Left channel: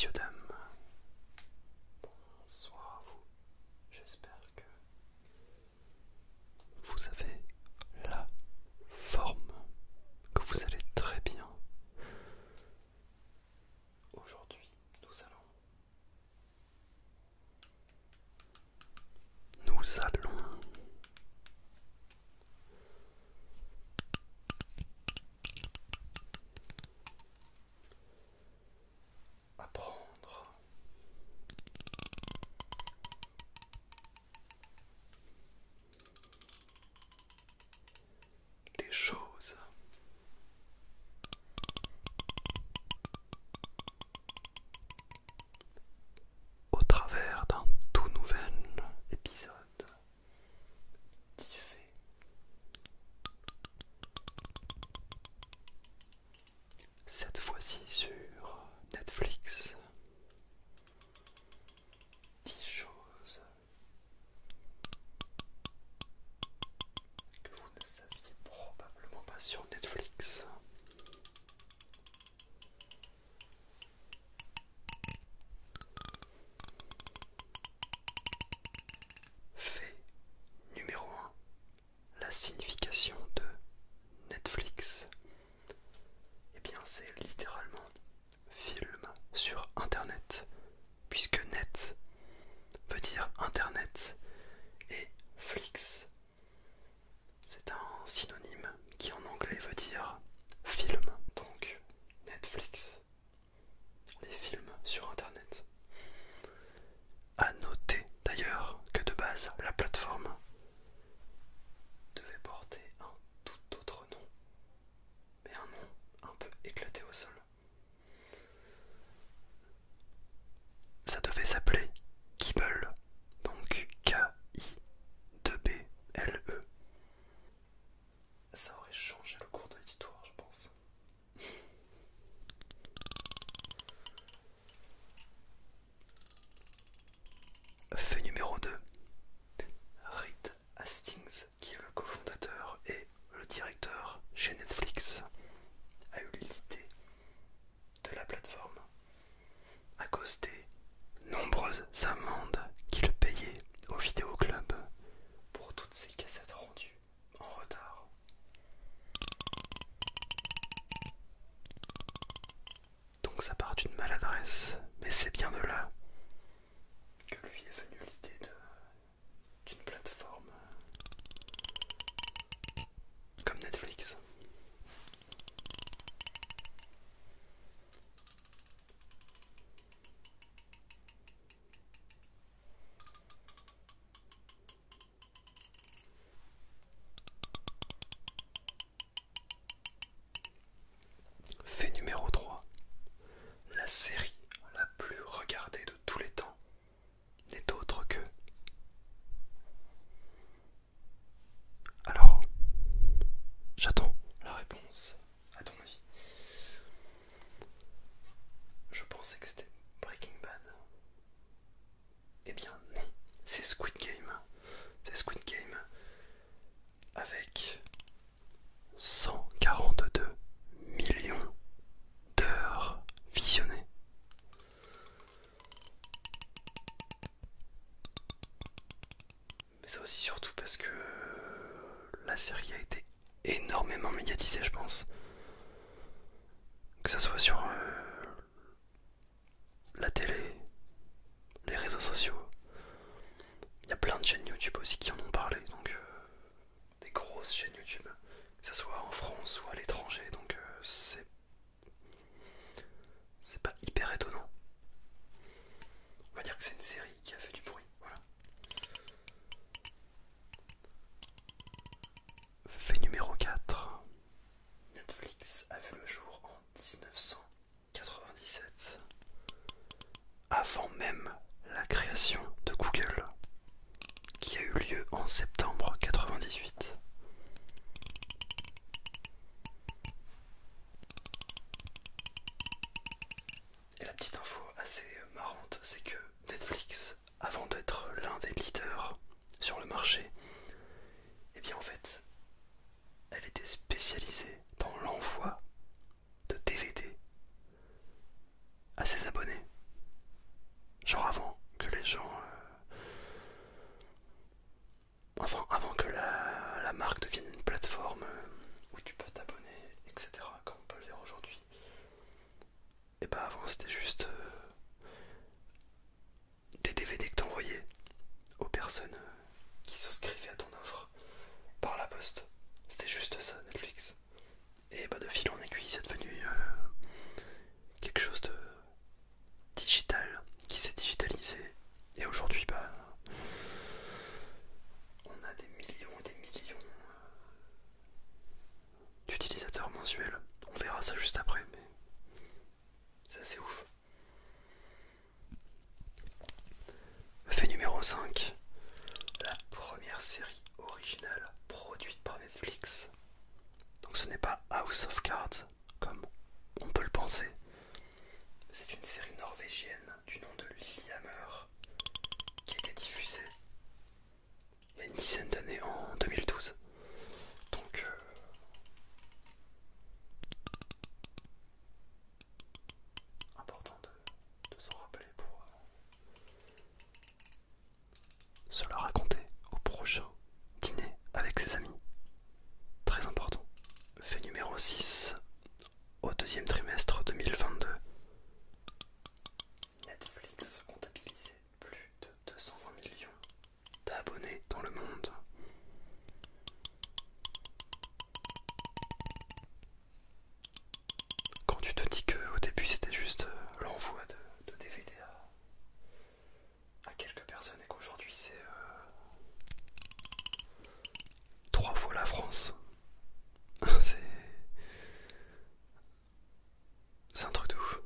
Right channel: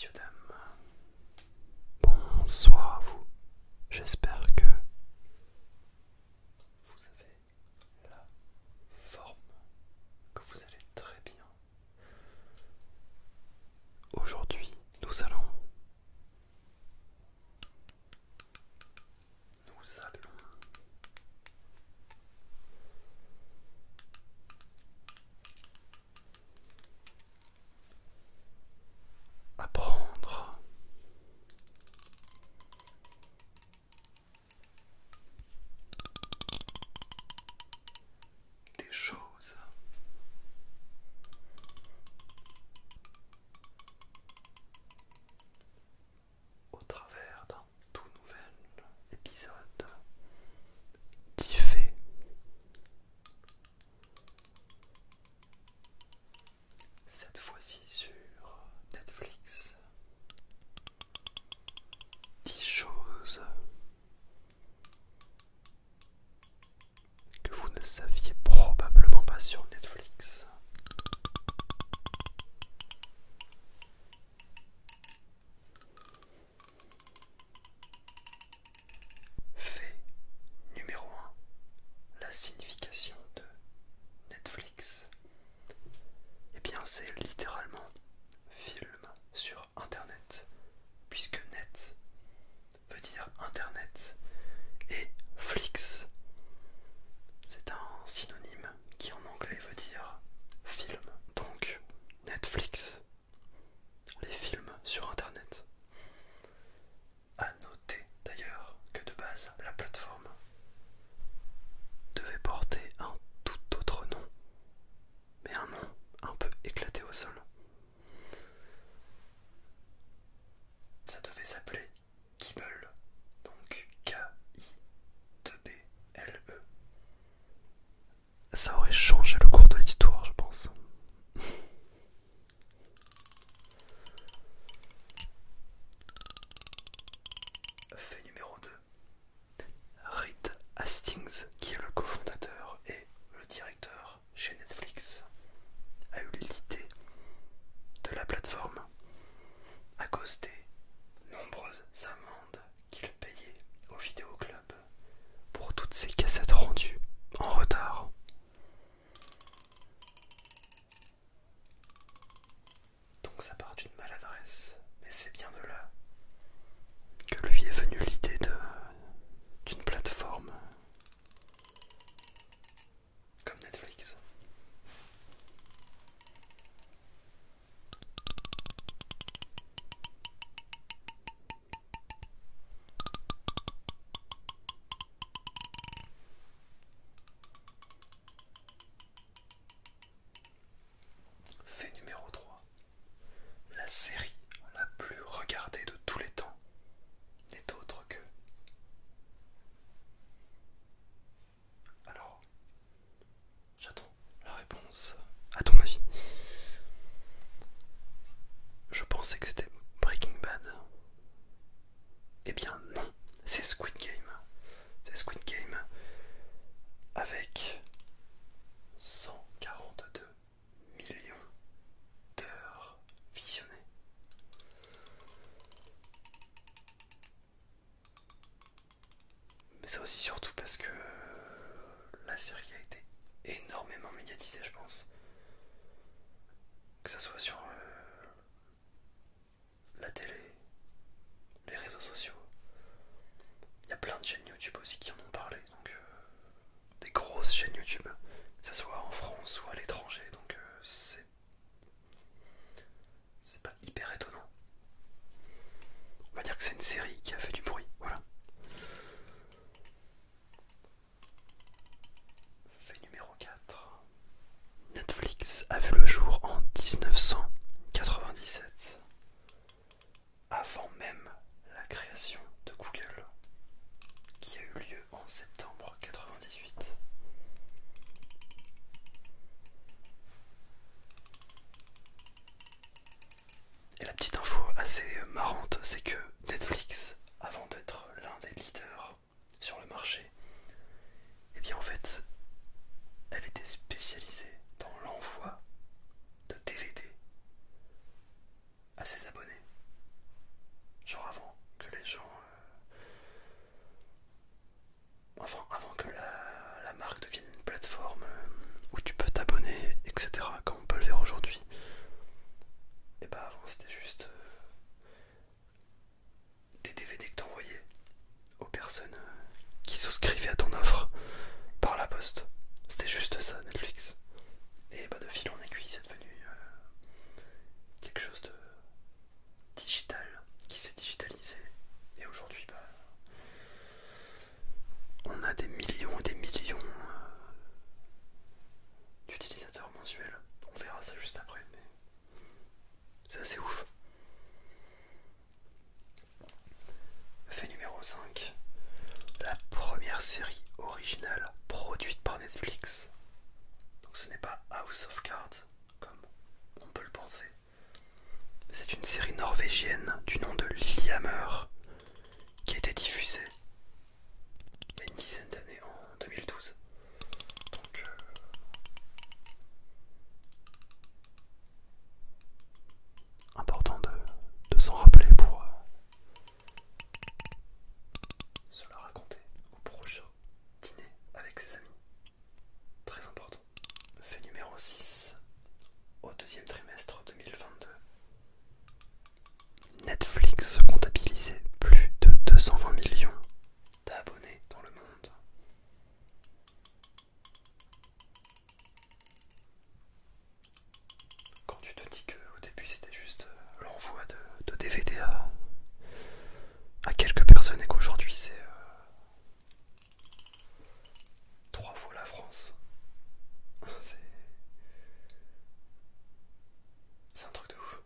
Messieurs, dames, bonsoir à vous. J'espère que vous avez la forme, que vous allez très bien. Aujourd'hui, nous allons apprendre des choses au travers d'un tout nouvel épisode diffé. Cette fois-ci sur Netflix. 10 choses que vous ne saviez probablement pas sur Netflix. Fait numéro 1. La signification de Netflix. Eh bien, c'est littéralement film sur Internet, puisque net veut dire Internet et Flix, c'est un synonyme qui en anglais veut dire film. Donc Netflix, les films sur Internet. À noter d'ailleurs que de base la plateforme devait porter un tout autre nom, mais un nom un peu éclaté au sol. Ça devait s'appeler Kibble, donc K-I-2-B-L-E. Ça aurait changé le cours de l'histoire, je pense. Fait numéro 2. Reed Hastings, qui est le cofondateur et le directeur chez Netflix, a eu l'idée de la plateforme à cause des nombreuses amendes qu'il payait au vidéoclub pour toutes ces cassettes rendues en retard. Donc ça part d'une maladresse, mais c'est bien de là que lui est venue l'idée d'une plateforme comme Netflix. Fait numéro 3. La série la plus regardée de tous les temps n'est autre que... Alors, j'attends la réponse. À ton avis? Je pensais que c'était Breaking Bad. Eh bien non, c'est Squid Game. C'est Squid Game avec 142 millions d'heures visionnées. Mais ça aussi surtout parce que la série a été énormément médiatisée, je pense. Que ça soit sur la télé, les réseaux sociaux. Il y a plein de chaînes YouTube aussi qui en ont parlé, donc des grosses chaînes YouTube, que ce soit en France ou à l'étranger, donc c'est pas hyper étonnant. On va dire que c'est une série qui a fait du bruit, voilà. Fait numéro 4. Netflix a vu le jour en 1997, avant même la création de Google, qui a eu lieu en septembre 98. Et la petite info assez marrante, c'est que Netflix, avant d'être l'un des leaders sur le marché, eh bien en fait, elle était spécialisée dans l'envoi de DVD à ses abonnés. Genre avant que les gens... enfin, avant que la marque devienne une plateforme où tu peux t'abonner, etc. Comme on peut le faire aujourd'hui. Et bah avant c'était juste des DVD que t'envoyais aux personnes qui souscrivaient à ton offre par la poste. C'était juste ça, Netflix. Et bah de fil en aiguille, c'est devenu quelque chose de digital qui s'est digitalisé. Et aujourd'hui, bah, on a des millions et des millions d'utilisateurs mensuels. On verra ça juste après, mais c'est assez ouf. Fait numéro 5. La première série originale produite par Netflix. Donc ce n'est pas House of Cards, comme on peut le penser. C'est une série norvégienne du nom de Lillehammer qui a été diffusée il y a une dizaine d'années en 2012. Donc important de s'en rappeler pour se la raconter au prochain dîner avec ses amis. Très important. Fait numéro 6. Au deuxième trimestre 2022, Netflix comptabilisait plus de 220 millions d'abonnés dans le monde. Quand tu te dis qu'au début c'était juste l'envoi de DVD à quelques personnes et qu'aujourd'hui c'est 3 fois la France, c'est un truc de ouf.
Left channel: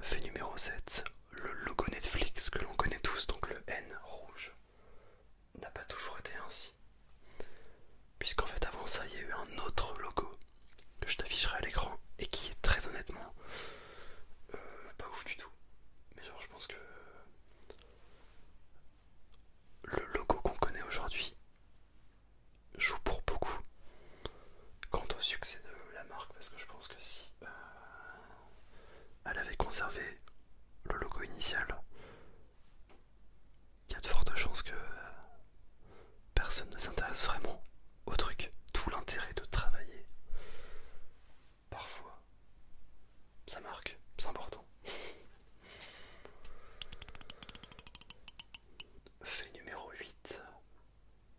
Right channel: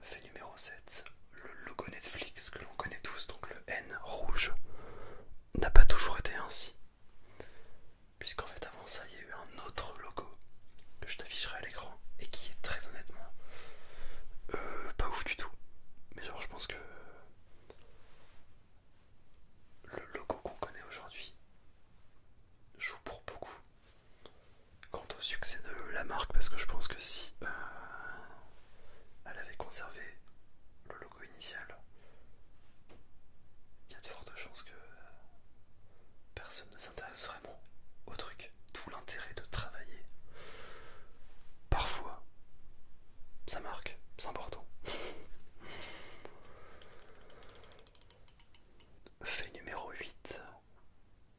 Fait numéro 7, le logo Netflix que l'on connaît tous, donc le N rouge, n'a pas toujours été ainsi. Puisqu'en fait avant ça il y a eu un autre logo que je t'afficherai à l'écran et qui est très honnêtement pas ouf du tout. Mais genre je pense que le logo qu'on connaît aujourd'hui joue pour beaucoup quant au succès de la marque, parce que je pense que si elle avait conservé le logo initial, il y a de fortes chances que personne ne s'intéresse vraiment au truc. Tout l'intérêt de travailler parfois ça marque, c'est important. Fait numéro 8.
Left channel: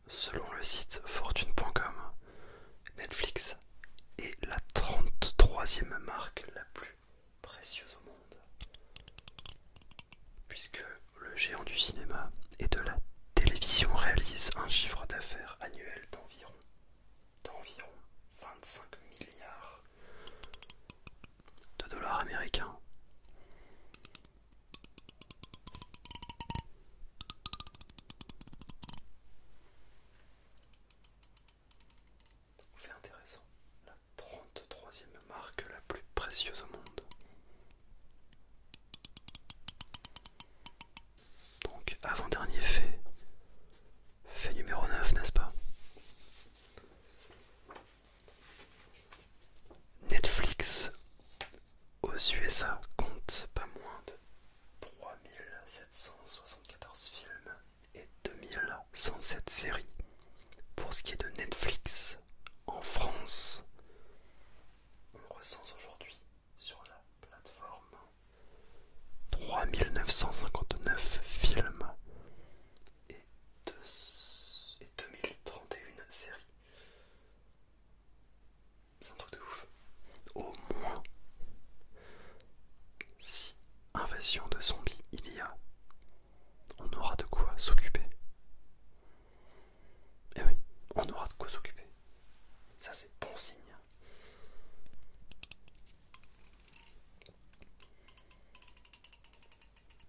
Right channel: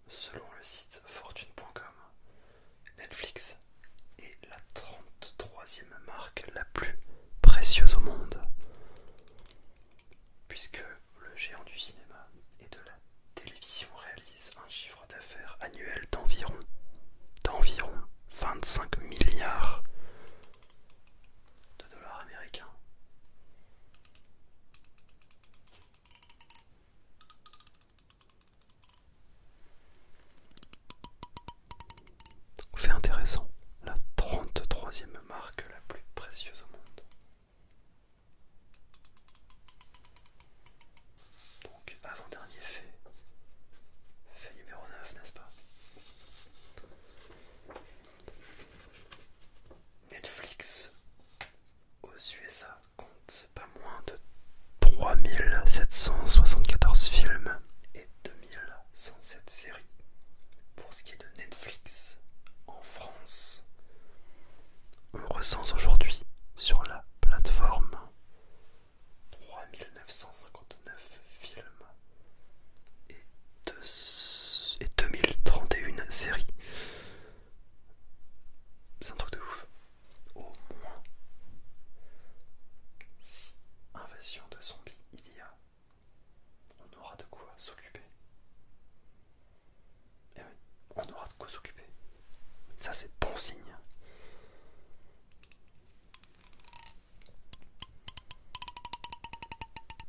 Selon le site fortune.com, Netflix est la 33e marque la plus précieuse au monde. Puisque le géant du cinéma et de la télévision réalise un chiffre d'affaires annuel d'environ 25 milliards de dollars américains. Fait intéressant, la 33e marque la plus précieuse au monde. Donc avant-dernier fait numéro 9, n'est-ce pas? Netflix aux USA compte pas moins de 3774 films et 2107 séries. Pour ce qui est de Netflix, en France, on recense aujourd'hui sur la plateforme 3959 films et 2031 séries. C'est un truc de ouf. Au moins, si invasion de zombies il y a, on aura de quoi s'occuper. Et oui, on aura de quoi s'occuper. Ça c'est bon signe.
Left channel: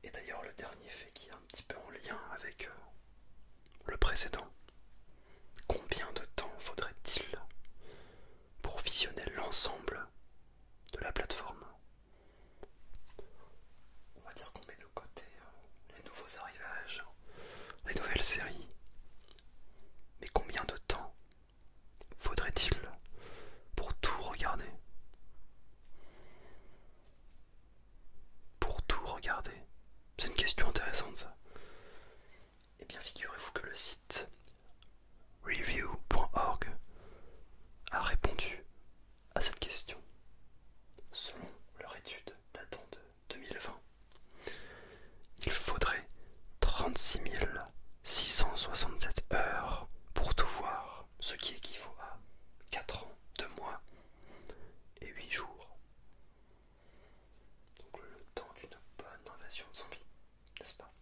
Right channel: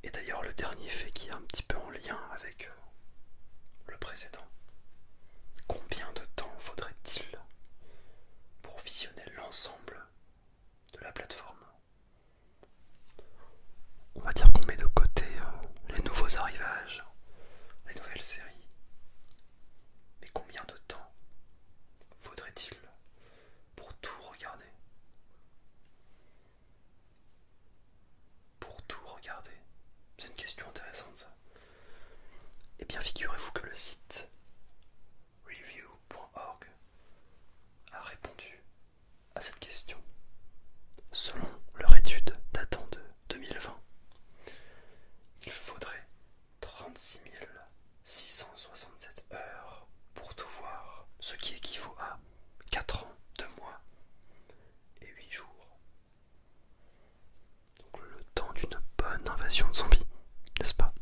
Et d'ailleurs le dernier fait qui est un petit peu en lien avec le précédent. Combien de temps faudrait-il pour visionner l'ensemble de la plateforme? On va dire qu'on met de côté les nouveaux arrivages, les nouvelles séries. Mais combien de temps faudrait-il pour tout regarder? Pour tout regarder? C'est une question intéressante. intéressante. Eh bien, figurez-vous que le site review.org a répondu à cette question. Selon leur étude datant de 2020, il faudrait 36 667 heures pour tout voir, ce qui équivaut à 4 ans, 2 mois et 8 jours. Donc le temps d'une bonne invasion de zombies, n'est-ce pas?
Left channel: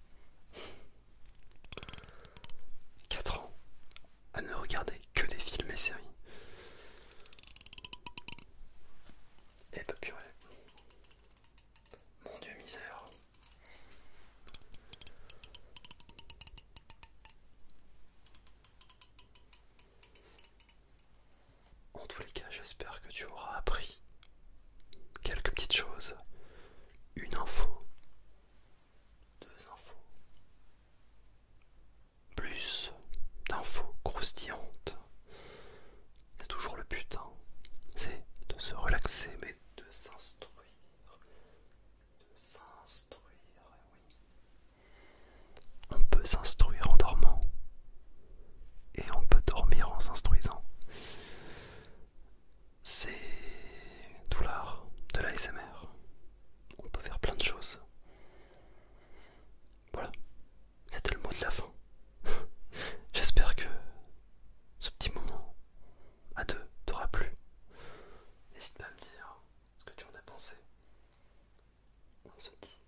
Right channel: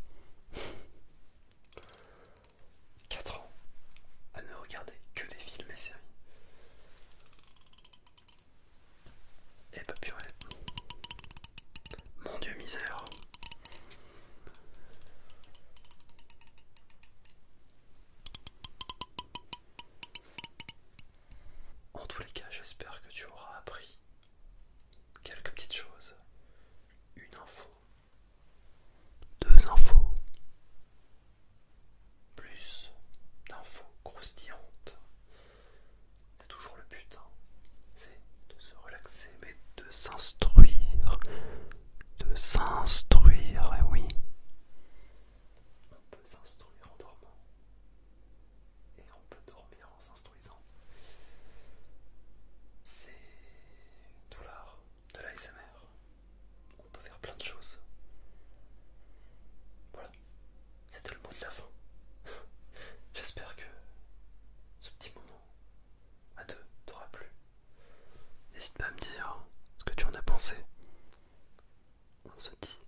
4 ans à ne regarder que des films et séries. Et bah purée. Mon Dieu misère. En tous les cas, j'espère que tu auras appris quelques petites choses. Une info, deux infos, plus d'infos croustillantes. C'est toujours le but, hein. C'est de se relaxer, mais de s'instruire. De s'instruire, et oui. On peut s'instruire en dormant. Et on peut dormir en s'instruisant. C'est tout l'art de l'ASMR. On peut faire plein de choses. Voilà, c'était le mot de la fin. J'espère que ce petit moment à deux t'aura plu. N'hésite pas à me dire ce que tu en as pensé. On se dit